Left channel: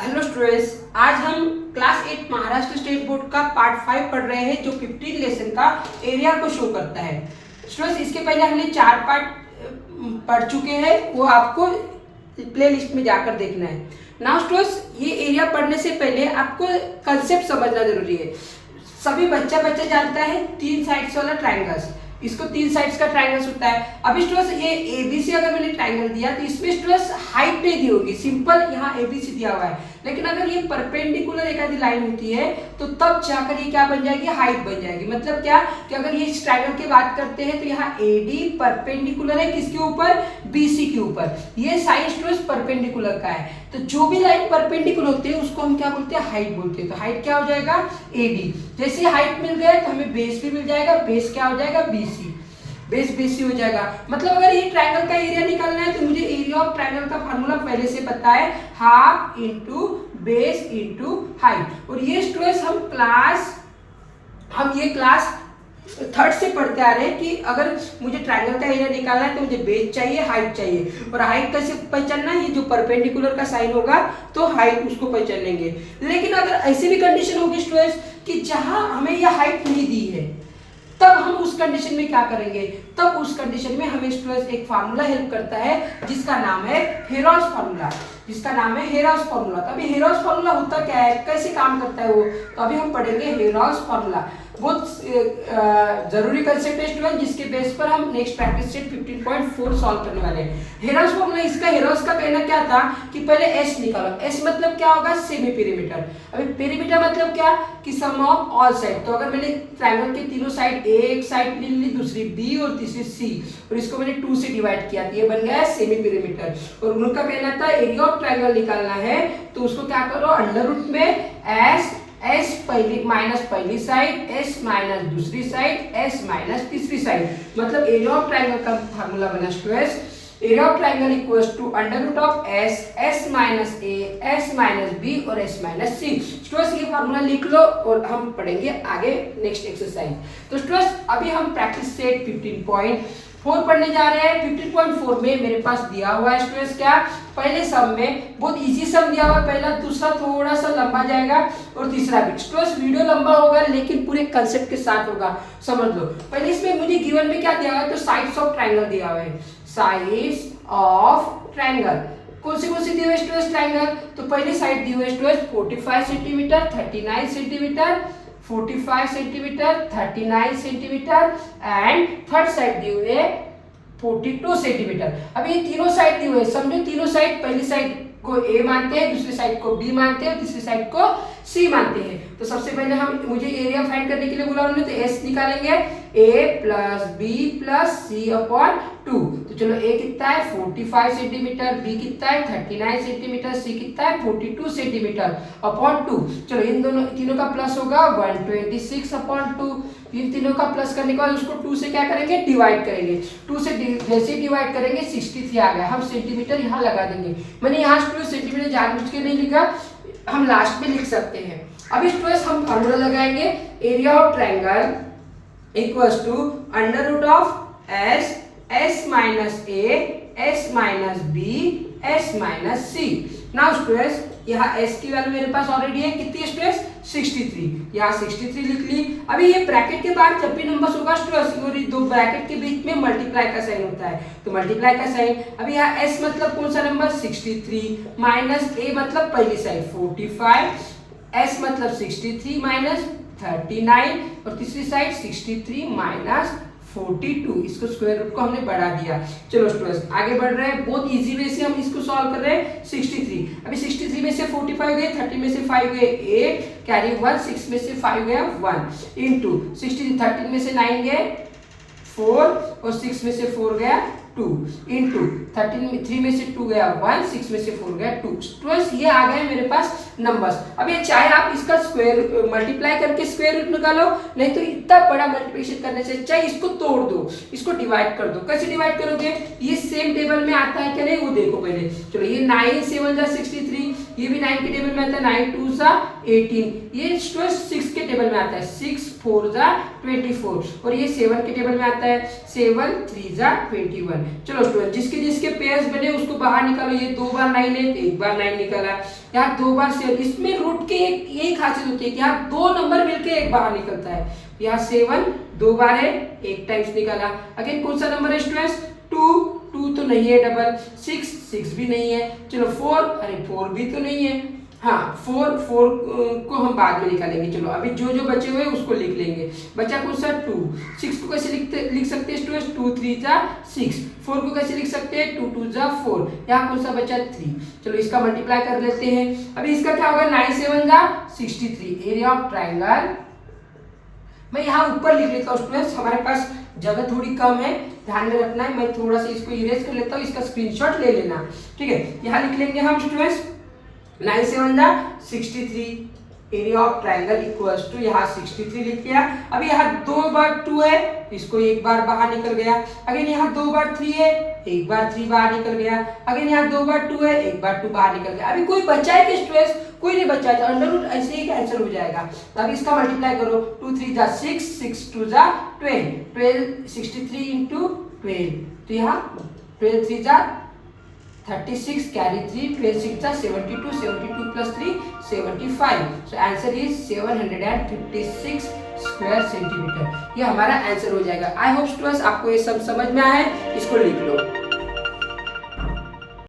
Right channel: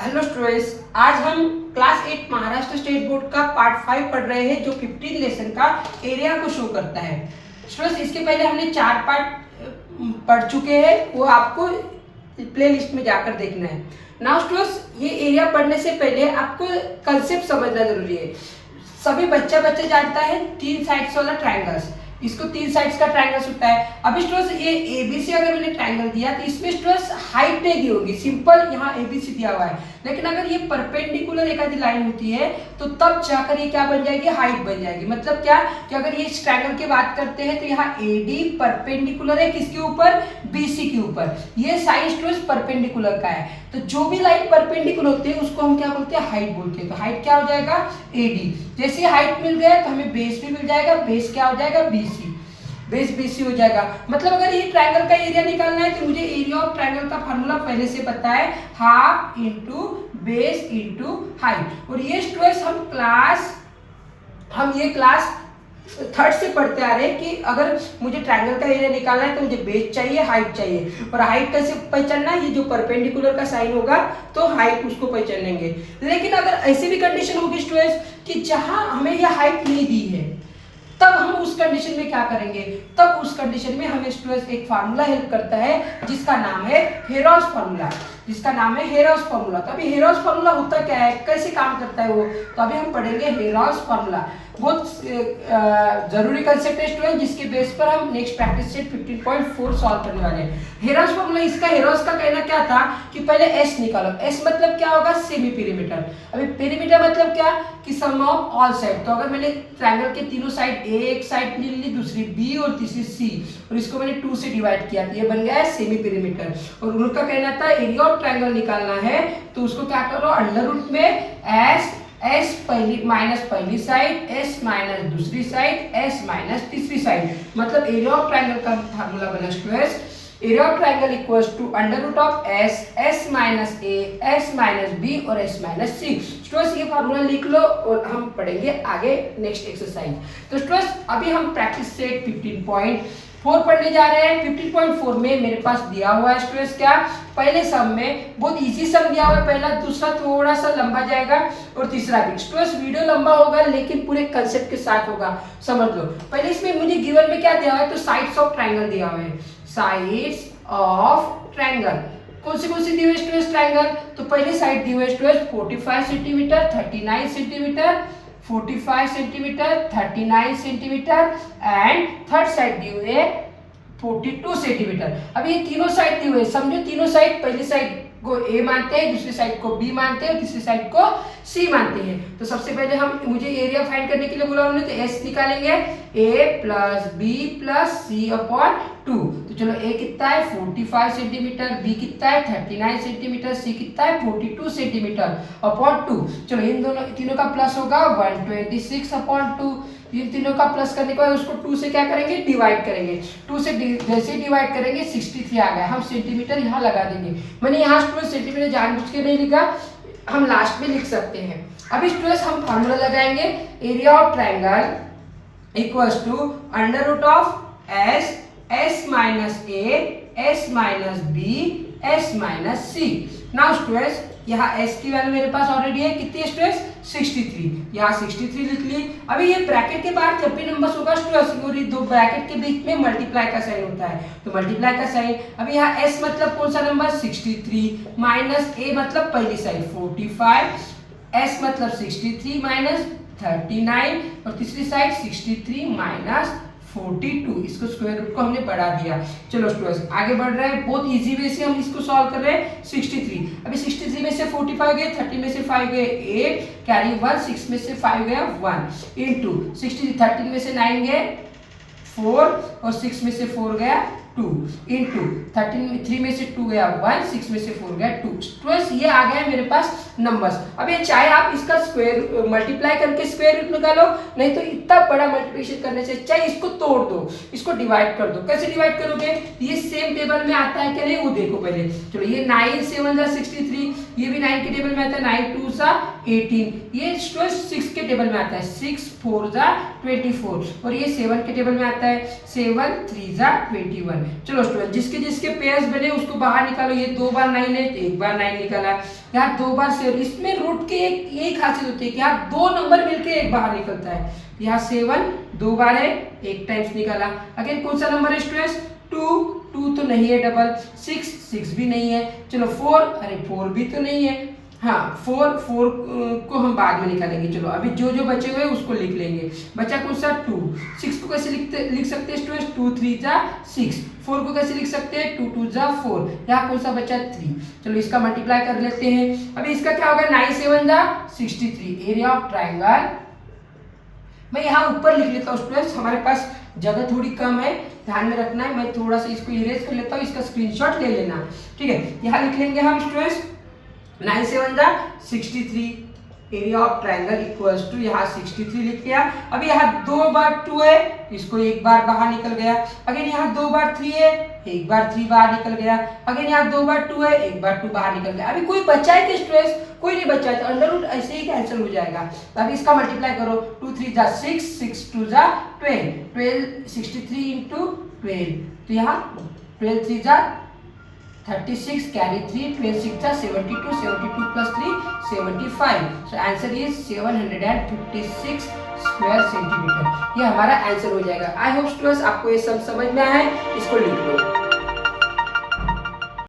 Hello students, आज हम class 8 Maharashtra state board का पार्ट 5 पढ़ रहे हैं जो 15 लेसन का एरिया को शो करता है। स्टूडेंट्स, इसके पहले हमने 4 पार्ट पढ़ चुके हैं, वो आपको प्ले लिस्ट में जाकर देखना है। नाउ स्टूडेंट्स, ये एरिया पढ़ने से पहले आपको कंसेप्ट समझना जरूरी है। सभी बच्चा जानता है 3 साइड्स वाला ट्राइंगल्स, इसको 3 साइड्स का ट्राइंगल्स होता है। अभी स्टूडेंट्स ये एबीसी अगर मैंने ट्राइंगल दिया तो इसमें स्टूडेंट्स हाइट नहीं दी होगी, सिंपल यहाँ एबीसी दिया हुआ है। लेकिन अगर ये परपेंडिकुलर एक आधी लाइन होती है तो तब जाकर ये क्या बन जाएगी, हाइट बन जाएगी। मतलब क्या कि अगर ये इस ट्राइंगल की बात करते हैं तो यहाँ एडी परपेंडिकुलर है किसके ऊपर, बीसी के ऊपर। ये साइड स्टूडेंट्स परपेंडिकुलर का है, तो जो भी लाइन परपेंडिकुलर होती है उसको हम क्या बोलते हैं, हाइट बोलते हैं। तो हाइट क्या हो जाएगा, एडी। जैसे हाइट मिल गया तो हमें बेस भी मिल जाएगा, बेस क्या हो जाएगा, बीसी। बेस बीसी हो जाएगा। मतलब अगर ये ट्रायंगल का एरिया निकालना है तो मुझे एरिया ऑफ ट्रायंगल का फार्मूला पहले से पता है, half into base into height. और ये स्टूडेंट्स हम ये क्लास 3rd से पढ़ते आ रहे हैं कि अगर मुझे ट्रायंगल का एरिया निकालना है तो मुझे बेस चाहिए, हाइट चाहिए। और हाइट कैसे पहचानना है, ये जो परपेंडिकुलर का साइन होगा तो हाइट उसको पहचानेंगे। लेकिन अगर ऐसी भी कंडीशन होगी स्टूडेंट्स कि जहां हमें ये हाइट नहीं दी है, तब हम उस कंडीशन में क्या करेंगे, तब उस कंडीशन में हमें स्टूडेंट्स एक फार्मूला हेल्प करता है जिसका नाम है हेरॉस फार्मूला, जिसका नाम है हेरॉस फार्मूला। तो अभी हेरॉस फार्मूला होता क्या है, कैसे काम करता है वो, तो अभी हम पढ़ेंगे हेरॉस फार्मूला। बहुत जरूरी कंसेप्ट है स्टूडेंट, जिसके बेस पर हम नेक्स्ट प्रैक्टिस सेट 15.4 सॉल्व करने वाले हैं। हेरॉस फार्मूला, इसका हेरॉस का कहना क्या था कि पहले एस निकालो। एस मतलब क्या होगा, सेमी पेरीमीटर। अभी पेरीमीटर मतलब क्या कि सम ऑफ ऑल साइड। तो अगर मैंने ट्रायंगल के तीनों साइड, एक साइड ले ली, दूसरी बी और तीसरी सी, और इसको मैंने 2 से डिवाइड किया, ये बन गया सेमी पेरीमीटर। और उनका कहना था एरिया ऑफ ट्रायंगल निकालना है तो उसको क्या करो, अंडर रूट में एस पहली माइनस पहली साइड, एस माइनस दूसरी साइड, एस माइनस तीसरी साइड। मतलब एरिया ऑफ ट्रायंगल का फार्मूला बना students, area of triangle equals to under root of S minus A, S minus B और एस माइनस सी। स्टूडेंट्स ये formula लिख लो और हम पढ़ेंगे आगे नेक्स्ट एक्सरसाइज। तो स्टूडेंट्स अभी हम प्रैक्टिस सेट 15.4 पढ़ने जा रहे हैं। 15.4 में मेरे पास दिया हुआ है स्टूडेंट्स क्या, पहले सम में बहुत इजी सम दिया हुआ है पहला, दूसरा थोड़ा सा लंबा जाएगा और तीसरा भी। स्टूडेंट्स वीडियो लंबा होगा लेकिन पूरे कंसेप्ट के साथ होगा, समझ लो। पहले इसमें मुझे गिवन में क्या दिया हुआ है, तो साइड्स ऑफ ट्रायंगल दिया हुआ है, साइड्स ऑफ ट्रायंगल। कौन सी दी हुई है स्टूडेंट्स ट्रायंगल, तो पहली साइड दी हुई है students 45 centimetre, 39 centimetre, 45 centimetre, 39 centimetre and third side दी हुई है 42 सेंटीमीटर। अब ये तीनों साइड दी हुई है, समझो तीनों साइड, पहली साइड को ए मानते हैं, दूसरी साइड को बी मानते हैं और तीसरी साइड को सी मानते हैं। तो सबसे पहले मुझे एरिया फाइंड करने के लिए बोला उन्होंने, तो एस निकालेंगे, ए प्लस बी प्लस सी अपॉन 2। तो चलो ए कितना है 45 सेंटीमीटर, बी कितना है 39 सेंटीमीटर, सी कितना है 42 सेंटीमीटर अपॉन 2। चलो इन तीनों का प्लस होगा 126 अपॉन 2। इन तीनों का प्लस करने के बाद उसको 2 से क्या करेंगे, डिवाइड करेंगे। 2 से जैसे डिवाइड करेंगे 63 आ गया, हम सेंटीमीटर यहाँ लगा देंगे। मैंने यहाँ स्टूडेंट सेंटीमीटर जानबूझ के नहीं लिखा, हम लास्ट में लिख सकते हैं। अभी स्टूडेंट्स हम फार्मूला लगाएंगे, area of triangle equals to under root of S minus A, S minus B, S minus C. Now students यहाँ s की वैल्यू मेरे पास ऑलरेडी है, कितनी है स्टूडेंट्स 63, यहाँ 63 लिख ली। अभी ये ब्रैकेट के बाद जब भी नंबर्स होगा स्टूडेंट्स, दो ब्रैकेट के बीच में मल्टीप्लाई का साइन होता है, तो मल्टीप्लाई का साइन। अभी यहाँ s मतलब कौन सा नंबर 63 माइनस a मतलब पहली साइड 45, s मतलब 63 माइनस 39 और तीसरी साइड 63 माइनस 42, इसको स्क्वायर रूट को हमने बढ़ा दिया। चलो स्टूडेंट्स आगे बढ़ रहे हैं, बहुत इजी वे से हम इसको सॉल्व कर रहे हैं। 63, अभी 63 में से 45 गए, 30 में से 5 गए 8, कैरी 1, 6 में से 5 गया 1 इंटू 60, 13 में से 9 गए 4 और 6 में से 4 गया 2 इंटू 3 में से 2 गया 1, 6 में से 4 गया 2। स्टूडेंट्स ये आ गया मेरे पास नंबर्स। अब ये चाहे आप इसका स्क्वायर मल्टीप्लाई करके स्क्वायर रूट निकालो, नहीं तो इतना बड़ा मल्टीप्लिकेशन करने से चाहे इसको तोड़ दो, इसको डिवाइड कर दो। कैसे डिवाइड करोगे, ये सेम टेबल में आता है कि नहीं वो देखो पहले। चलो ये 9 7 जा 63, ये भी 9 के टेबल में आता है, 9 2 जा 18, ये स्टूडेंट 6 के टेबल में आता है, 6 4 जा 24 और ये 7 के टेबल में आता है, 7 3 जा 21। चलो स्टूडेंट जिसके जिसके पेयर्स बने उसको बाहर निकालो, ये 2 बार 9 है तो 1 बार 9 निकाला। यहाँ 2 बार 7, इसमें रूट की एक यही खासियत होती है कि यहाँ 2 नंबर मिलके एक बाहर निकलता है। यहाँ 7 2 बार है, एक टाइम्स निकाला। अगेन कौन सा नंबर है स्टूडेंट्स? 2 तो नहीं है डबल, 6 भी नहीं है, चलो 4, अरे 4 भी तो नहीं है, हाँ 4 को हम बाद में निकालेंगे। चलो अभी जो जो बचे हुए उसको लिख लेंगे। बचा कौन सा? 2। 6 को कैसे लिख सकते हैं स्टूडेंट्स? 2 3 जा 6। 4 को कैसे लिख सकते हैं? 2 2 जा 4। यहाँ कौन सा बचा? 3। चलो इसका मल्टीप्लाई कर लेते हैं। अभी इसका क्या होगा? 9 7 जा 63। एरिया ऑफ ट्राइंगल, मैं यहाँ ऊपर लिख लेता हूँ स्टूडेंट्स, हमारे पास जगह थोड़ी कम है, ध्यान में रखना है। मैं थोड़ा सा इसको इरेज कर लेता हूँ, इसका स्क्रीनशॉट ले लेना, ठीक है। यहाँ लिख लेंगे हम स्टूडेंट्स 9 7 जा 63, area of triangle equals to, यहाँ 63 लिख दिया। अभी यहाँ 2 बार 2 है, इसको एक बार बाहर निकल गया। अगेन यहाँ 2 बार 3 है, एक बार 3 बाहर निकल गया। अगेन यहाँ 2 बार 2 है, एक बार 2 बाहर निकल गया। अभी कोई बचा है कि स्ट्रेस? कोई नहीं बचा है, तो अंडर रूट ऐसे ही कैंसिल हो जाएगा। तो अभी इसका मल्टीप्लाई करो, 2 3 जा 6, 6 2 जा 12, 63 इंटू 12, तो यहाँ 12 3 जा 36, carry 3, 12 6 जा 72, 72 plus 3 75। So answer is 756 square centimetre. ये हमारा आंसर हो जाएगा। आई होप स्टूडेंट्स आपको ये सब समझ में आया है, इसको लिख लो।